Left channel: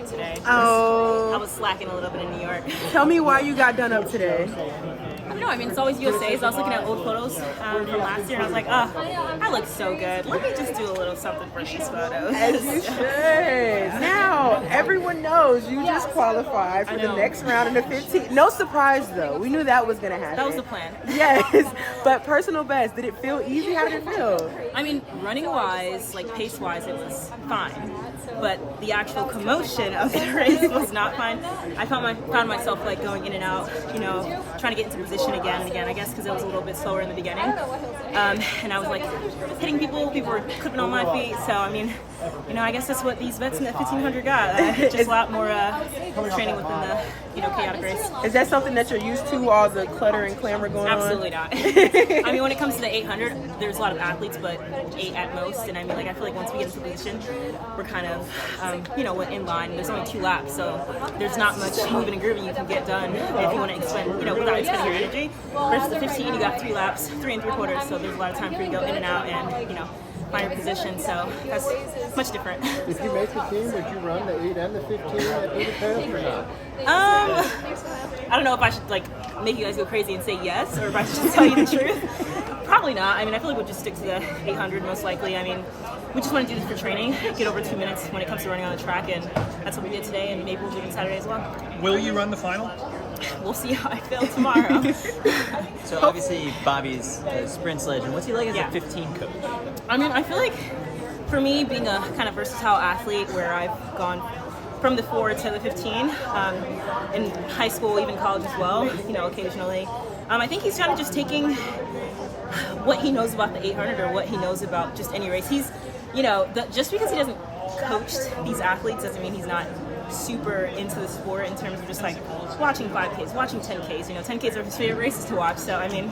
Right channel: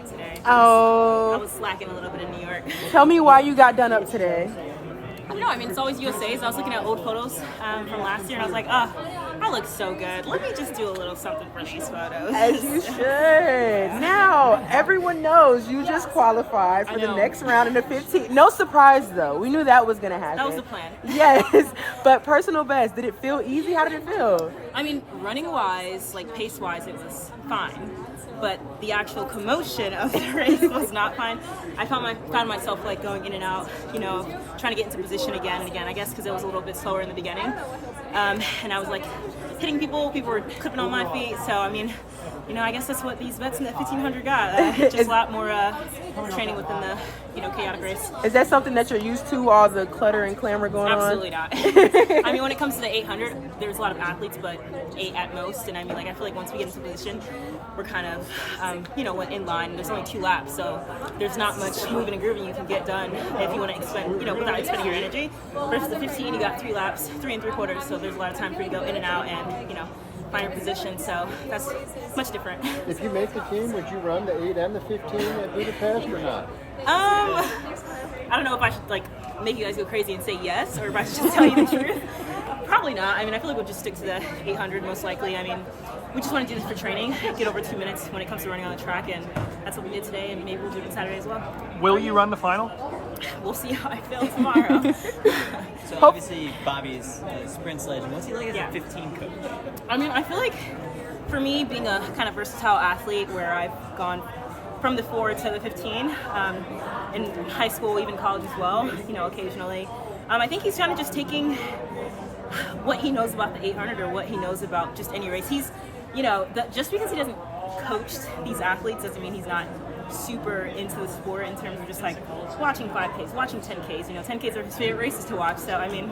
up today. Oh. I was slacking a little bit in New York. Tell me why you got done up today. I don't know. I mean, it's always USA's. I was looking at old photos from last year, and I was like, oh, I look so good. Let me just do a little something for these photos. You should. Now, everyone knows you just qualified for the next round in the 15. No surprise, though. We knew that was going to happen. That was the plan. Yes. But personal best, did it feel easy? How did it feel? I mean, running-wise, like pace-wise, it was fine. But the actual commotion of the race was not fine. I found myself like going in and out, trying to get into position again and again, I guess because it was a little bit slower in the beginning. And I was like hitting people were clipping on my feet. So, I mean, I guess that's what these vets in the 1500 got. Just a lot more training within the, chaotic race. Is that something that you're used to, all the clutter and clamor going Absolutely on? Absolutely not. I mean, when it comes to the 800, there's a lot of athletes, but 8 at most. And I mean, I feel like once we get into position, we're kind of, in line. There's only 2 laps, so there's not much moving and grooving you can get done if you want to expend, without expending your energy. Versus the 15, you got 3 laps, 3 3/4, so there's a lot of time for you to go in and out and, find your position, so that's much different. If you make the team, would you run the 8 and the 15 at Budapest or not? I don't know if I should make you guys go crazy and say yes, or if I should just tell you the truth. Probably not. I mean, I feel like we'll just stick to the 800 most likely. I mean, we just want to do this for training, get over 2 minutes when it comes to running on the track, and that's what we did today, and maybe we'll do it on Saturday as well. Will you run the final? We'll see how I feel tomorrow. So obviously Bobby's a sprint legend. What's he like as a 15 coach? I mean, I feel like for me, being a kind of versatile athlete where I've gone from the 4 to the 15, in high school, even college as well, occasionally, I think he's kind of just taking what he knows about the 800 or what he knows about just any race. He's, just because he doesn't coach these athletes doesn't mean he's not super into the sport in terms of just watching 5Ks, watching 10Ks. 10Ks are his favorite races to watch. So, I mean,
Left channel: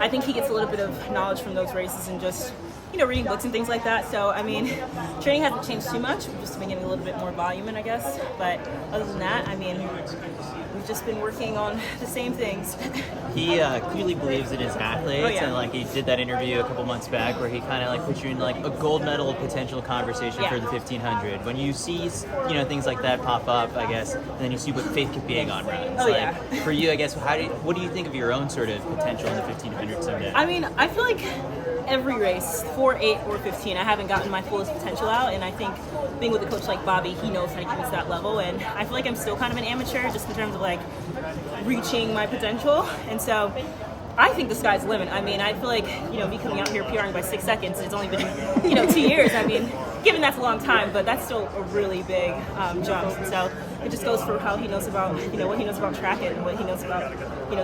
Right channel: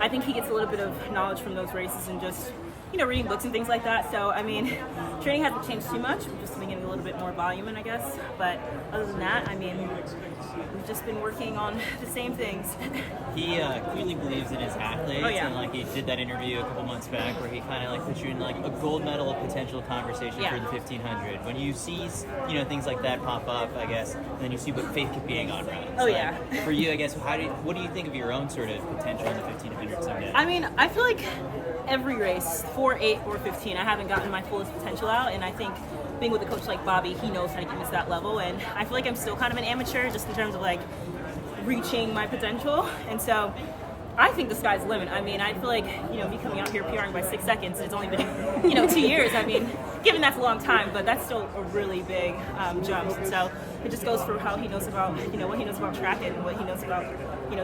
I think he gets a little bit of knowledge from those races and just, reading books and things like that. So, I mean, training hasn't changed too much. We've just been getting a little bit more volume in, I guess. But other than that, I mean, we've just been working on the same things. He clearly believes in his athletes. Oh, yeah. And he did that interview a couple months back where he kind of put you in a gold medal potential conversation for the 1500. When you see things like that pop up, I guess, and then you see what Faith Kipyegon runs. Oh, yeah. For you, I guess, what do you think of your own sort of potential in the 1500 someday? I mean, I feel like every race, 4, 8, or 15, I haven't gotten my fullest potential out, and I think being with a coach like Bobby, he knows how to get me to that level, and I feel like I'm still kind of an amateur just in terms of reaching my potential, and so I think the sky's the limit. I mean, I feel like, me coming out here PRing by 6 seconds, it's only been, 2 years. I mean, given that's a long time, but that's still a really big jump, and so it just goes for how he knows about, what he knows about track and what he knows about,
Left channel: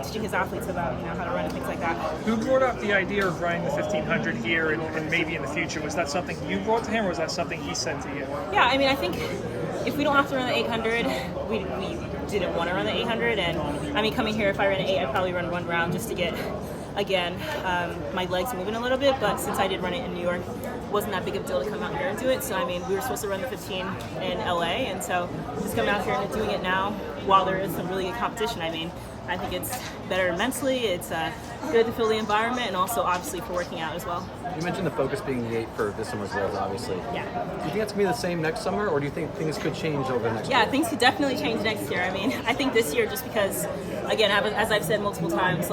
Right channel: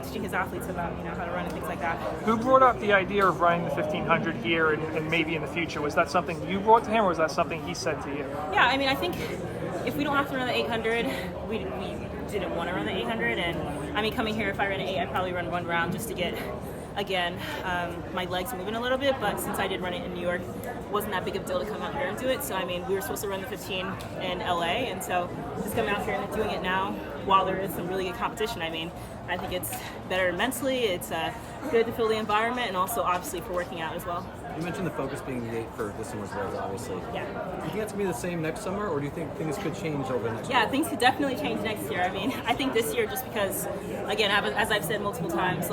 teaching his athletes about, how to run and things like that. Who brought up the idea of running the 1500 here and maybe in the future? Was that something you brought to him, or was that something he said to you? Yeah, I mean, I think if we don't have to run the 800, we didn't want to run the 800, and I mean, coming here, if I ran an 8, I'd probably run 1 round just to get, again, my legs moving a little bit, but since I did run it in New York, it wasn't that big of a deal to come out here and do it. So, I mean, we were supposed to run the 15 in LA, and so just coming out here and doing it now while there is some really good competition, I mean, I think it's better mentally, it's good to feel the environment, and also obviously for working out as well. You mentioned the focus being the 8 for this summer's race, obviously. Yeah. Do you think that's going to be the same next summer, or do you think things could change over the next year? Yeah, things could definitely change next year. I mean, I think this year, just because, again, as I've said multiple times,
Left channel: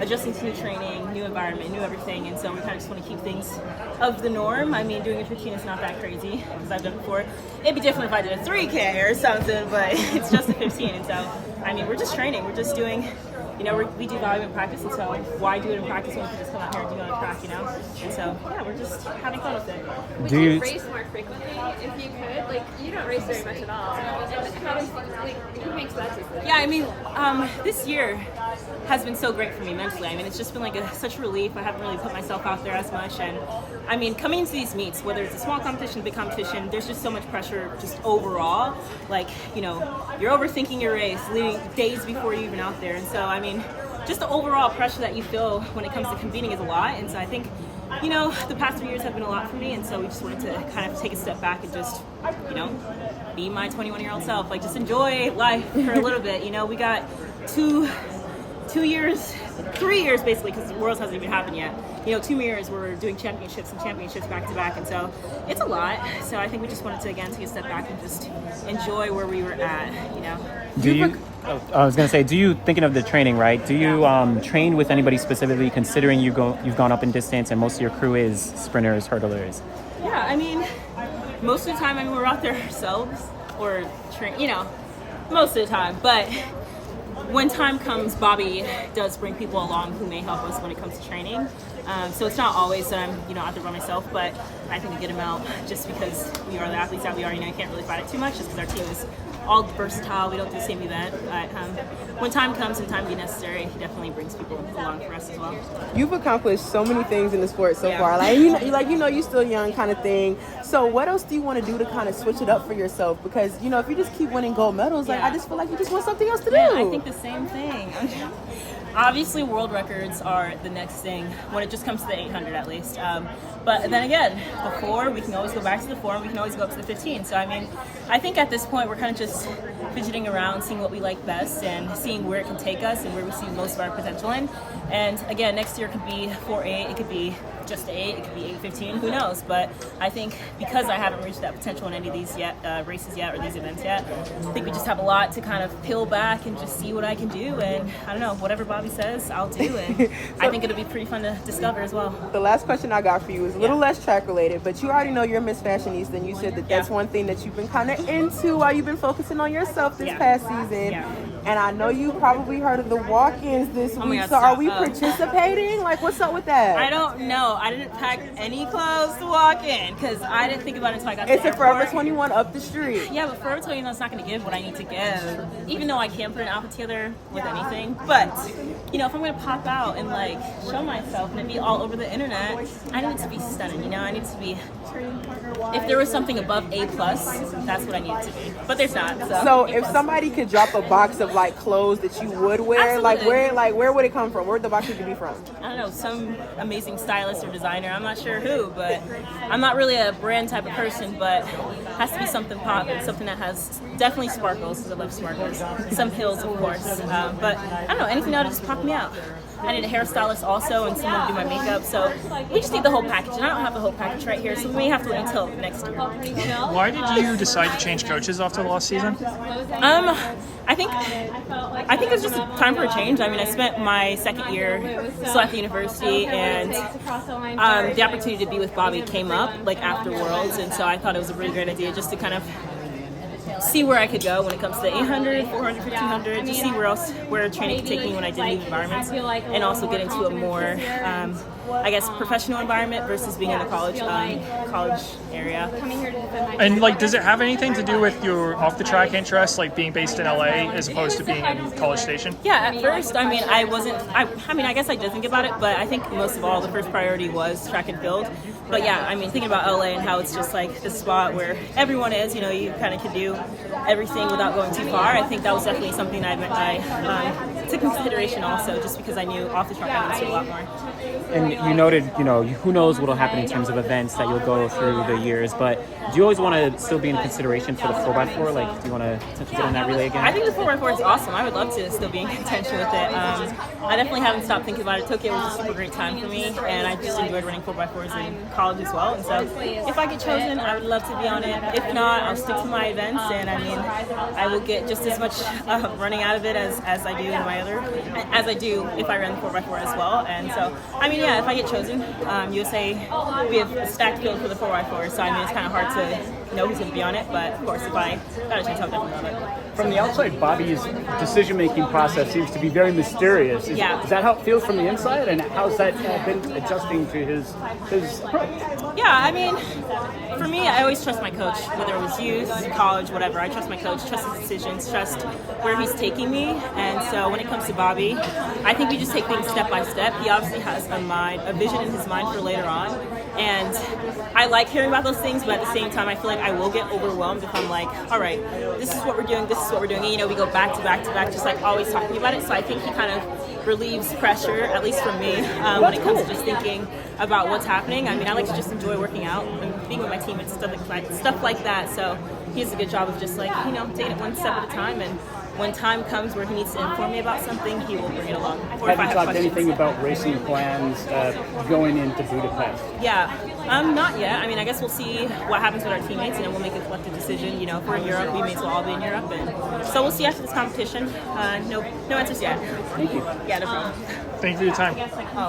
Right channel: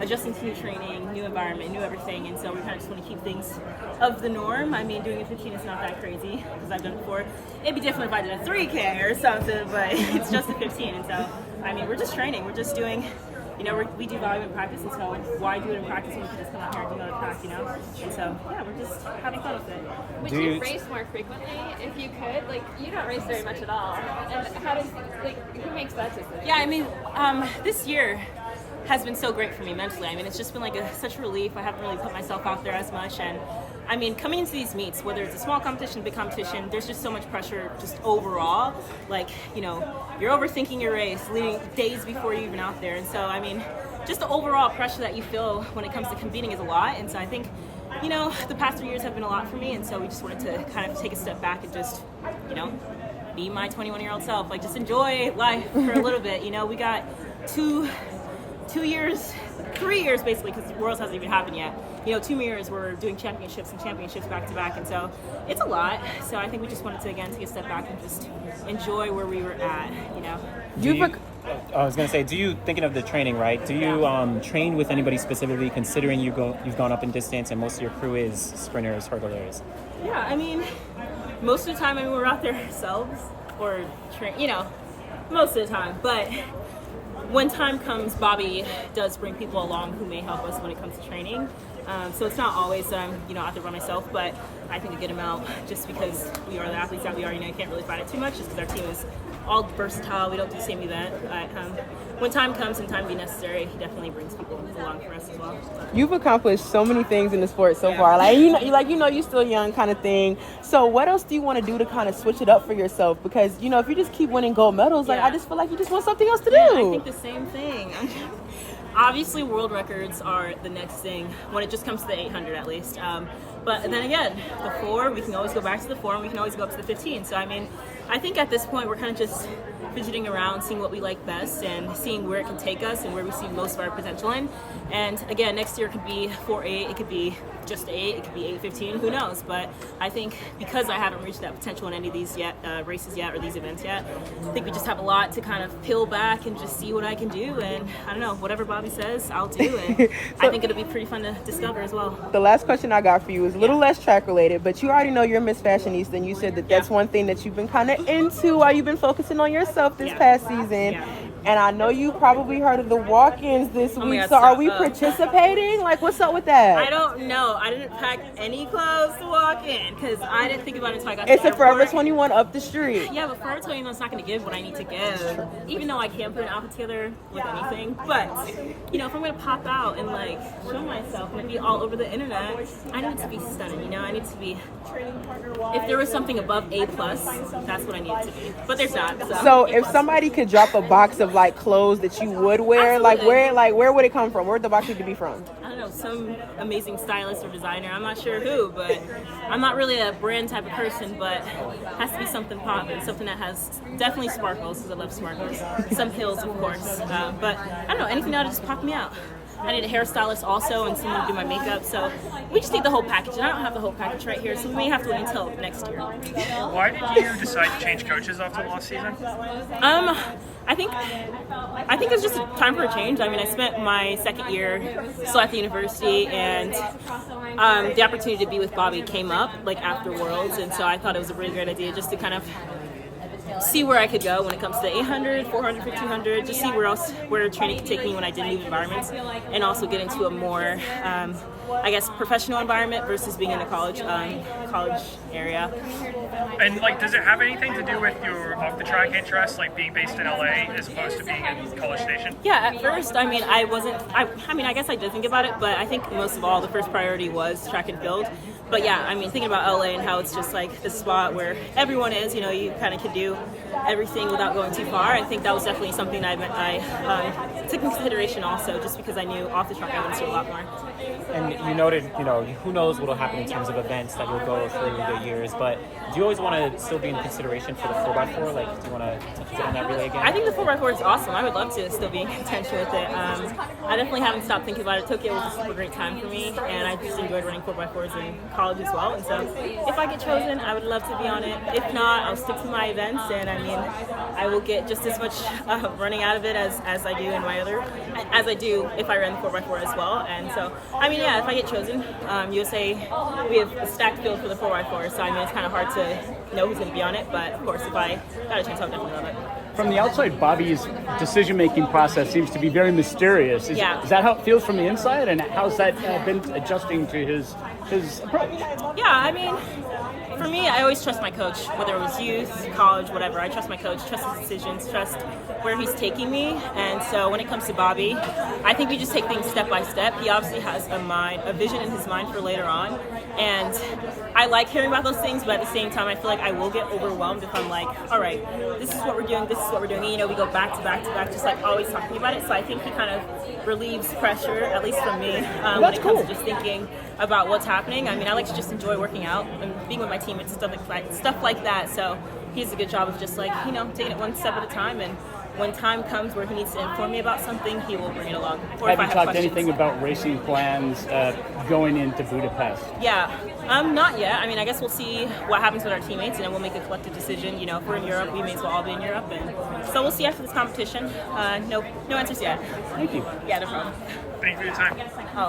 adjusting to new training, new environment, new everything, and so we kind of just want to keep things of the norm. I mean, doing a 15 is not that crazy, because I've done it before. It'd be different if I did a 3K or something, but it's just a 15, and so, I mean, we're just training. We're just doing, we do volume in practice, and so why do it in practice when we can just come out here and do it on the track, And so, yeah, we're just having fun with it. Would you race more frequently if you could? You don't race very much at all. Who makes that decision? Yeah, I mean, this year has been so great for me mentally. I mean, it's just been such a relief. I haven't really put myself out there as much, and I mean, coming into these meets, whether it's a small competition, big competition, there's just so much pressure just overall. You're overthinking your race leading days before you're even out there. And so, I mean, just the overall pressure that you feel when it comes to competing is a lot. And so I think, the past 3 years have been a lot for me. And so we just wanted to kind of take a step back and just, be my 21-year-old self. Just enjoy life for a little bit. We got two 2 years, 3 years basically, because Worlds hasn't even happened yet. 2 years we're doing championships and championships back to back, and so it's a lot. So I think we just wanted to again take a step back and just enjoy where we were at. Do you? I was gonna say, do you, thinking of the training, right? Do you train with anybody specifically, considering you've gone up in distance and most of your crew is sprinters, hurdlers? Yeah, I mean, most of the time, we're out there ourselves or most of the time. But when time comes, Bobby does bring people along who may help us when it comes to training. So it's not always that I'm, out there by myself, but I think I get him out just because we are the athletes that we are. You can't really fight it too much just because our team is all versatile. We don't do the same event. But when time comes and time be necessary, he definitely brings people along for us as well. You've accomplished so many things in the sport so far. You're still young kind of thing. So what else do you want to do to kind of switch it up for yourself? Because, if you just keep winning gold medals, I just feel like you just want something else to do. I think the same thing. Obviously, world records are the next thing when it just comes to the 800 at least. But then again, the 4, we can always go back to the 4 and we can always go up to the 15. So, I think at this point we're kind of just fidgeting around, seeing what we like best and seeing where it can take us and where we see most of our potential in. And again, next year could be 4.8, it could be just 8, it could be 8.15, who knows? But I think because I haven't reached that potential in any of these races yet or these events yet, I think we just have a lot to kind of peel back and just see what I can do. And I don't know, whatever Bobby says, I'll do. And I think it'll be pretty fun to discover as well. The last question I got for you is a little less track related, but you already know you're Miss Fashionista, and you said that that's one thing that you've been kind of into while you've been focusing on yourself this past season. And I know you probably heard of the walk-ins this week. So are we participating? What's up with that? I don't know. I didn't pack any clothes to walk in because I didn't think about it until I got to the airport. It's a Forever 21 up the street. Yeah, but Forever 21 is not going to give what I need to give, even though I can put an outfit together with anything. But, if I'm going to pop out and, show myself and it be all over the internet, I need it to be stunning, I need it to be... If there was something above A+, that's what I need it to be. But there's not. So if somebody could drop a box of clothes that you would wear, where would it come from? Where would the box need to be from? I don't know, some amazing stylist or designer. I'm not sure who, but I'm not really a brand type of person, but it has to be something popping, something that has definitely sparkles, because I love sparkles. Some hills, of course. But I don't know, anything that'll just pop me out. I need a hairstylist also and someone to do my makeup. So we just need the whole package. And I don't have the whole package right here, so we may have to wait until next year. Why did you decide to change coaches after the last season? I think it's just a time for a change. I spent my second year still at the university, and the opportunity to be with Bobby came up after Worlds, and so I thought it was a really great idea just to kind of see where I could go when it comes to the 800, 400, 1500, just see where training could take me when I did new environments, and also get into a more, professional environment versus being in a college area. And guys it have anything to do with your off-the-track interests, being based in LA as opposed to being in College Station? Yeah, at first, I guess I did think about it, but I think most of all, the first priority was track and field. But yeah, thinking about LA and how it's just the spot where everyone is, you kind of can do everything without going too far. I think that was definitely something I took into consideration also, just because I knew off the track I would see a lot more. And you noted, who knows what will happen in terms of events that you'll go through the years, but do you always want to still be in consideration for the 4x4? Do you want to get in that relay again? I think the 4x4 is awesome. I would love to still be in contention with it. I definitely haven't stopped thinking about it. Tokyo was a super great time for me, and I just enjoyed running 4x4s in college as well. And so if I get chosen, I would love to be on it. If not, I'll stick to my events, and I will get just as much running out of it as I do in my as I do if I ran the 4x4 as well. And so, if I get chosen, USA, we have a stacked field for the 4x4, so it's kind of hard to know who's going to be on it, but of course, if I got a chance, I would definitely love it. From the outside, Bobby's decision-making process seems to be very mysterious. Is that how it feels from the inside, and how's that been adjusting to his approach? Yeah, for me, I always trust my coach, whether it was youth, college, whatever. I trust my coach, trust his decisions, trust where he's taking me. And so when it comes to Bobby, I think we just take things step by step. He obviously has a vision in his mind for later on. And I like hearing about those things, but at the same time, I feel like I will get overwhelmed if I'm like, all right, this is what we're doing, this is what we're doing. And, we go back to back to back, just always talking about it. So I think he kind of relieves pressure, at least from me, when it comes to just thinking about what's happening. I like to just enjoy working out and being with my team and stuff like that. So he does a good job of just like, taking it one step at a time, and when time comes where he needs to inform me about something, he will bring it along. Or if I have talked questions. anything about racing plans going into Budapest? Yeah, not yet. I mean, I guess we'll see what happens with our teammates, and then we'll make a collective decision. If we're in Europe, we may as well all be in Europe, and so we'll see after this competition. No answers yet. Thank you. Yeah, no problem. Thank you for your time. Oh.